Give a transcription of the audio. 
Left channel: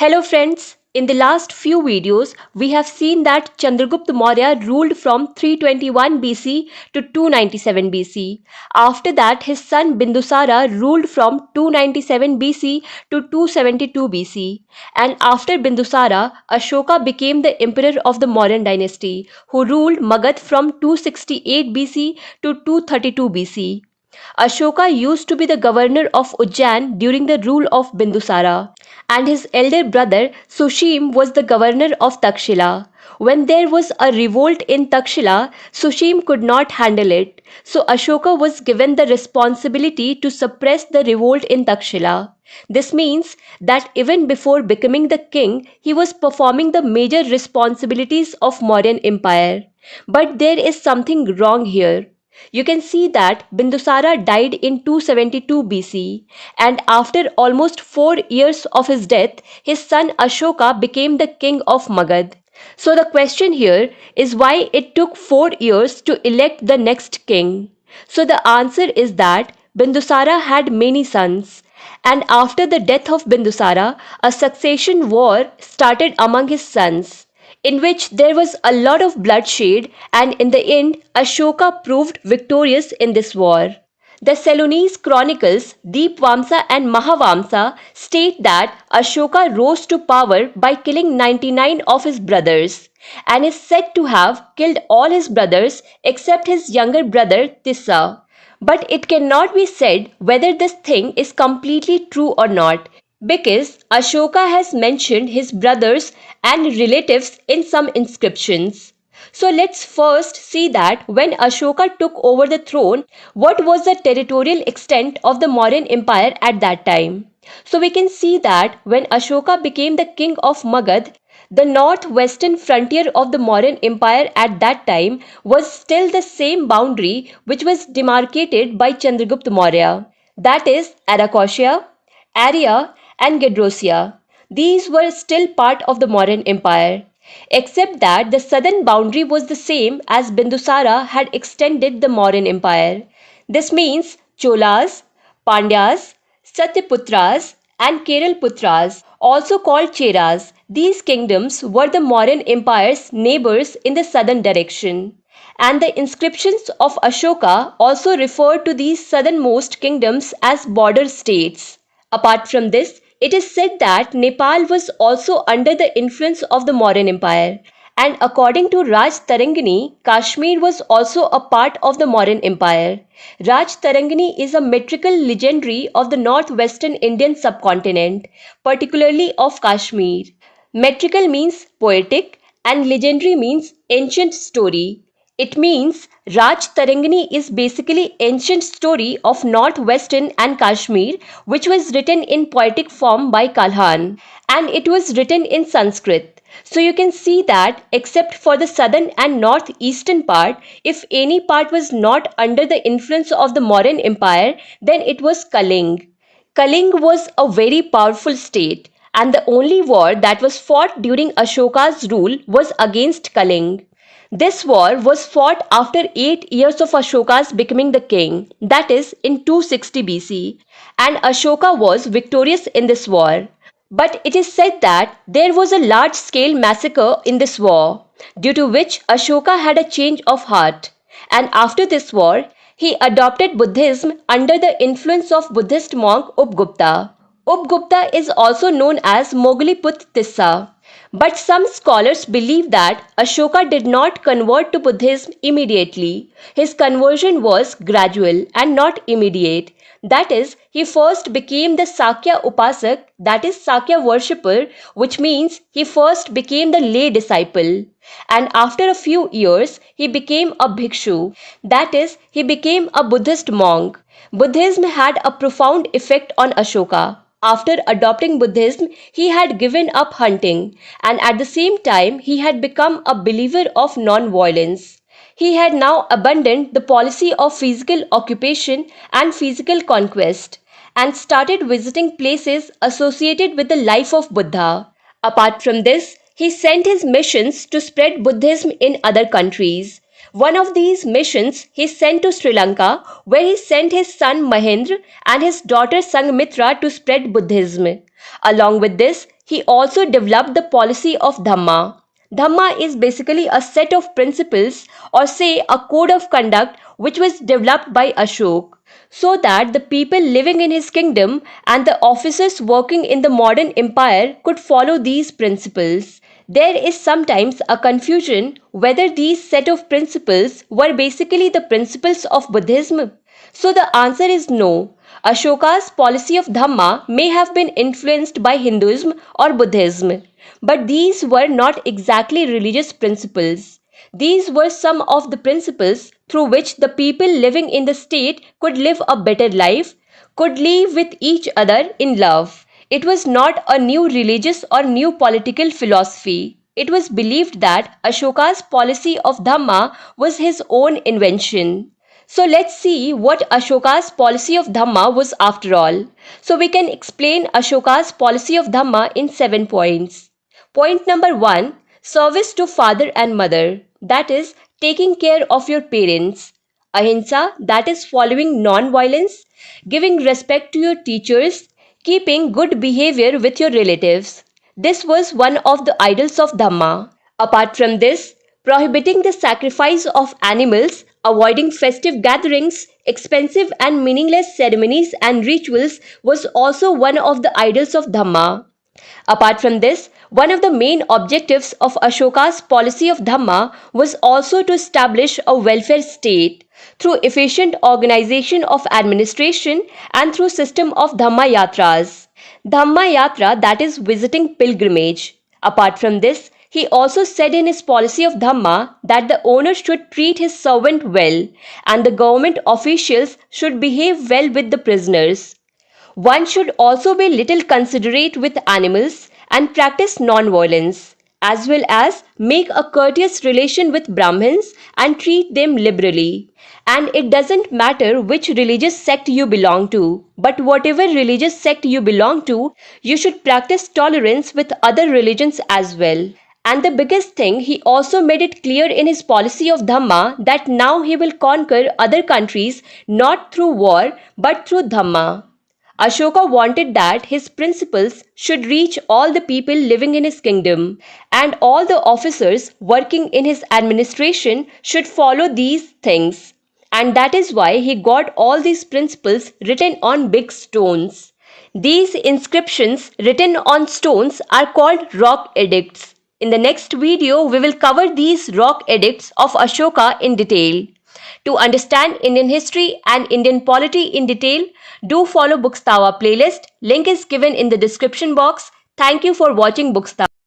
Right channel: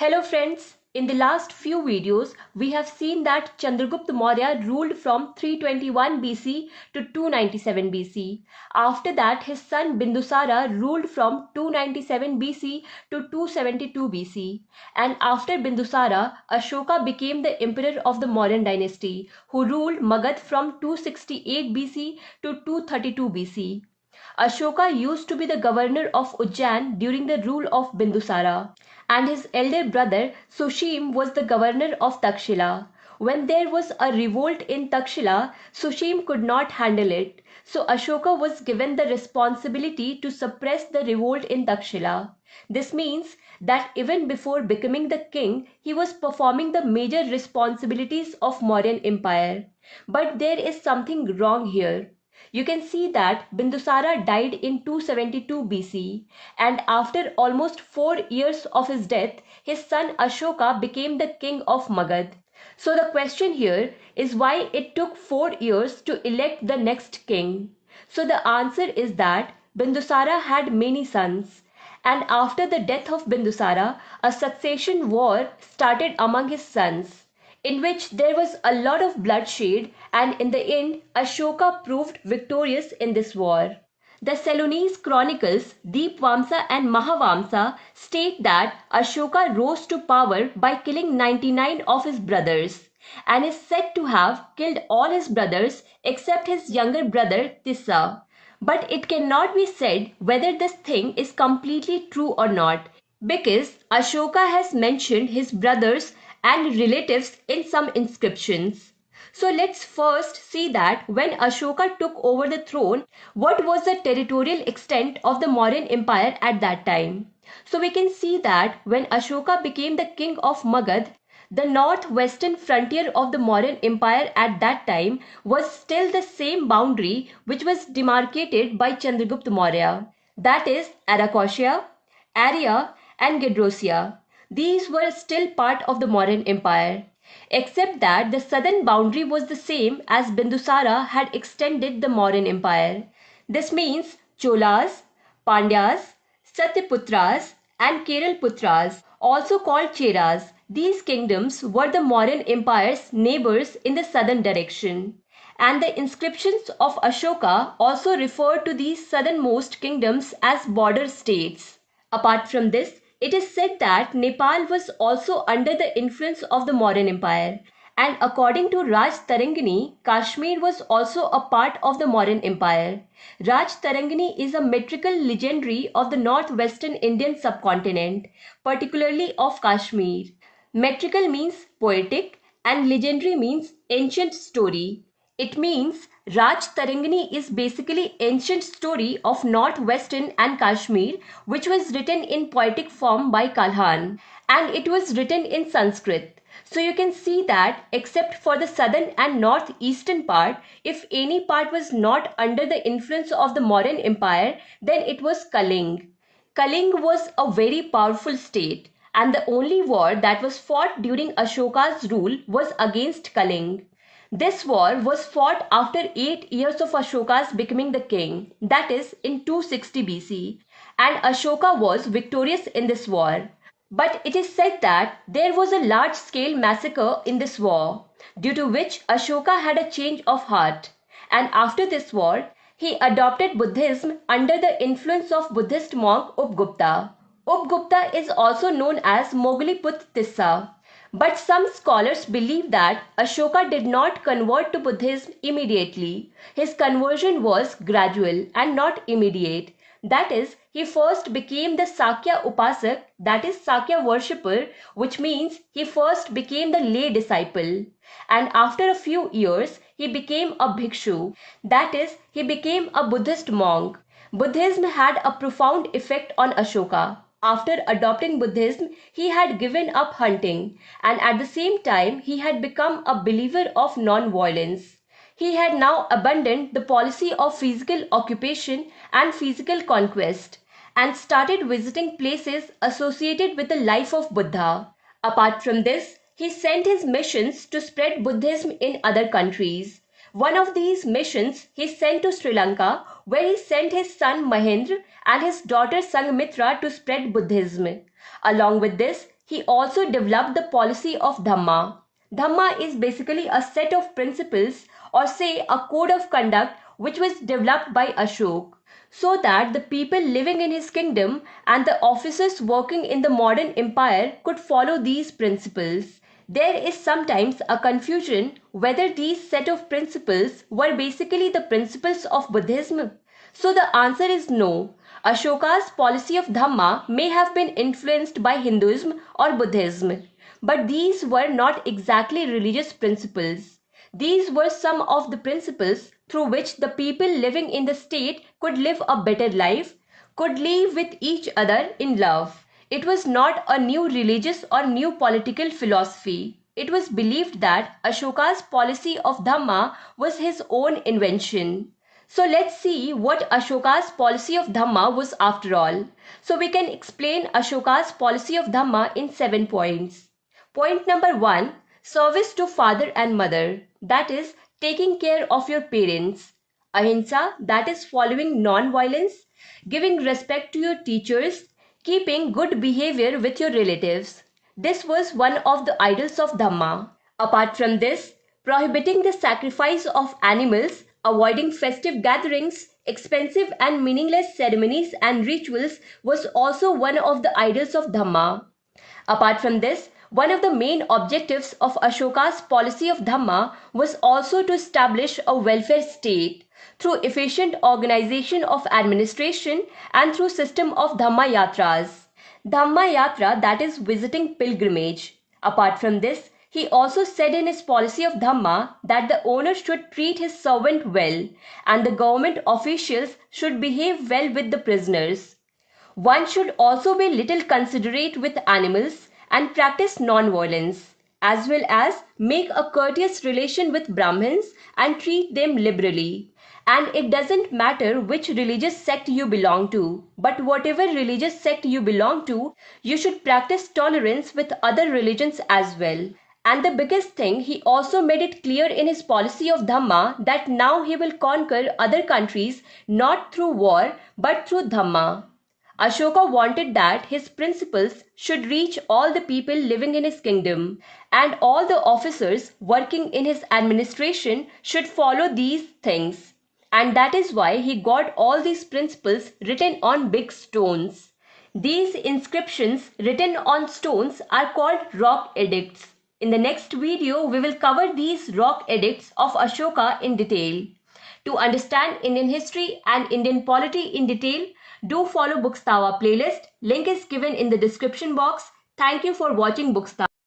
Hello friends, in the last few videos we have seen that Chandragupta Maurya ruled from 321 BC to 297 BC. After that his son Bindusara ruled from 297 BC to 272 BC. And after Bindusara, Ashoka became the emperor of the Mauryan dynasty who ruled Magad from 268 BC to 232 BC. Ashoka used to be the governor of Ujjain during the rule of Bindusara, and his elder brother Sushim was the governor of Takshila. When there was a revolt in Takshila, Sushim could not handle it, so Ashoka was given the responsibility to suppress the revolt in Takshila. This means that even before becoming the king, he was performing the major responsibilities of Mauryan Empire. But there is something wrong here. You can see that Bindusara died in 272 BC, and after almost 4 years of his death, his son Ashoka became the king of Magad. So the question here is why it took 4 years to elect the next king. So the answer is that Bindusara had many sons, and after the death of Bindusara, a succession war started among his sons, in which there was a lot of bloodshed, and in the end Ashoka proved victorious in this war. The Ceylonese chronicles Deepvamsa and Mahavamsa state that Ashoka rose to power by killing 99 of his brothers, and is said to have killed all his brothers except his younger brother Tissa. But it cannot be said whether this thing is completely true or not, because Ashoka has mentioned his brothers and relatives in some inscriptions. So let's first see that when Ashoka took over the throne, what was the territorial extent of the Mauryan Empire at that time. So we can see that when Ashoka became the king of Magad, the northwestern frontier of the Mauryan Empire at that time was still the same boundary which was demarcated by Chandragupta Maurya, that is Arachosia, Arya, and Gedrosia. These were still part of the Mauryan Empire, except that the southern boundary was the same as Bindusara had extended the Mauryan Empire. This means Cholas, Pandyas, Satyaputras, and Keralputras, also called Cheras. These kingdoms were the Mauryan Empire's neighbors in the southern direction. And the inscriptions of Ashoka also refer to these southernmost kingdoms as border states. Apart from this, it is said that Nepal was also under the influence of the Mauryan Empire, and according to Raj Tarangani, Kashmir was also a part of the Mauryan Empire. Raj Tarangani is a metrical legendary of the northwestern Indian subcontinent, particularly of Kashmir. Metrical means poetic and legendary means ancient story. It means Raj Tarangani is basically ancient story of northwestern and Kashmir, which was written in poetic form by Kalhan, and it was written in Sanskrit. So you can see that except for the southern and northeastern part, if any part was not under the influence of the Mauryan Empire, then it was Culling. Culling was a very powerful state, and the only war that was fought during Ashoka's rule was against Culling. This war was fought after 8 years of Ashoka's becoming the king, that is in 260 BC, and Ashoka was victorious in this war. But it is said that there was a large scale massacre in this war, due to which Ashoka had a change of heart, and after this war, he adopted Buddhism under the influence of Buddhist monk Upgupta. Upgupta is also known as Mogliput Tissa. But some scholars believe that Ashoka did not convert to Buddhism immediately. His conversion was gradual and not immediate. That is, he first became the Sakya Upasak, that is Sakya worshipper, which means he first became the lay disciple. And after a few years, he became a bhikshu, that is, he became a Buddhist monk. Buddhism had a profound effect on Ashoka. After adopting Buddhism, he had given up hunting, and at the same time he had become a believer of non-violence. He had now abandoned the policy of physical occupation and physical conquest, and started visiting places associated with the life of Buddha. Apart from this, he sent his missions to spread Buddhism in other countries. One of these missions he sent to Sri Lanka, where he sent his son Mahendra and his daughter Sanghmitra to spread Buddhism. Along with this, He also developed the policy of Dhamma. Dhamma is basically a set of principles, or say a code of conduct, which was developed by Ashoka, so that the people living in his kingdom and the officers working in the modern empire could follow these principles. There is sometimes a confusion whether these set of principles were basically the principles of Buddhism. So the answer is no. Ashoka's policy of Dhamma may have been influenced by Hinduism or Buddhism, but these were not exactly religious principles. These were some of the principles through which the people living in the state could live a better life, could live with each other in love. It was not a new religious or new political philosophy. It was believed that Ashoka's policy of Dhamma was his own invention. So let's see what Ashoka's policy of Dhamma was after all. So we can explain Ashoka's policy of Dhamma in 7 points. Point number 1, service to father and mother, that is, taking care of your parents. Ahimsa, that is, following non violence, giving respect to your teachers, keeping good behavior with your relatives. This was one of the idols of Dhamma. Apart from this, prohibiting the sacrifice of animals, avoiding festive gatherings, expensive and meaningless ceremonies and rituals was also one of the idols of Dhamma. Apart from this, one of the main objectives of Ashoka's policy of Dhamma was also to establish a welfare state through efficient organization of administration and through system of Dhamma Yatras. Dhamma Yatra, that is visiting pilgrimage. Apart from this, he also said in his policy of Dhamma that the owner should treat his servant well and the government officials should behave well with the prisoners. One should also be little considerate with animals and practice non-violence, as well as make a courteous relation with Brahmins and treat them liberally. And it doesn't matter which religious sect you belong to, but whatever religious sect you belong to, you should practice tolerance with other religions as well. And the biggest thing, he also made it clear in his policy of Dhamma that now he will conquer other countries not through war but through Dhamma. Ashoka wanted that his principles should reach all the people living in his kingdom, and all the officers working in his administration should follow these things. And that is why he got all these principles written on big stones. These inscriptions written on stones are called rock edicts. In the next video, we will cover these rock edicts of Ashoka in detail. To understand Indian history and Indian polity in detail, do follow Bookstawa playlist. Link is given in the description box. Thank you for watching Bookstawa.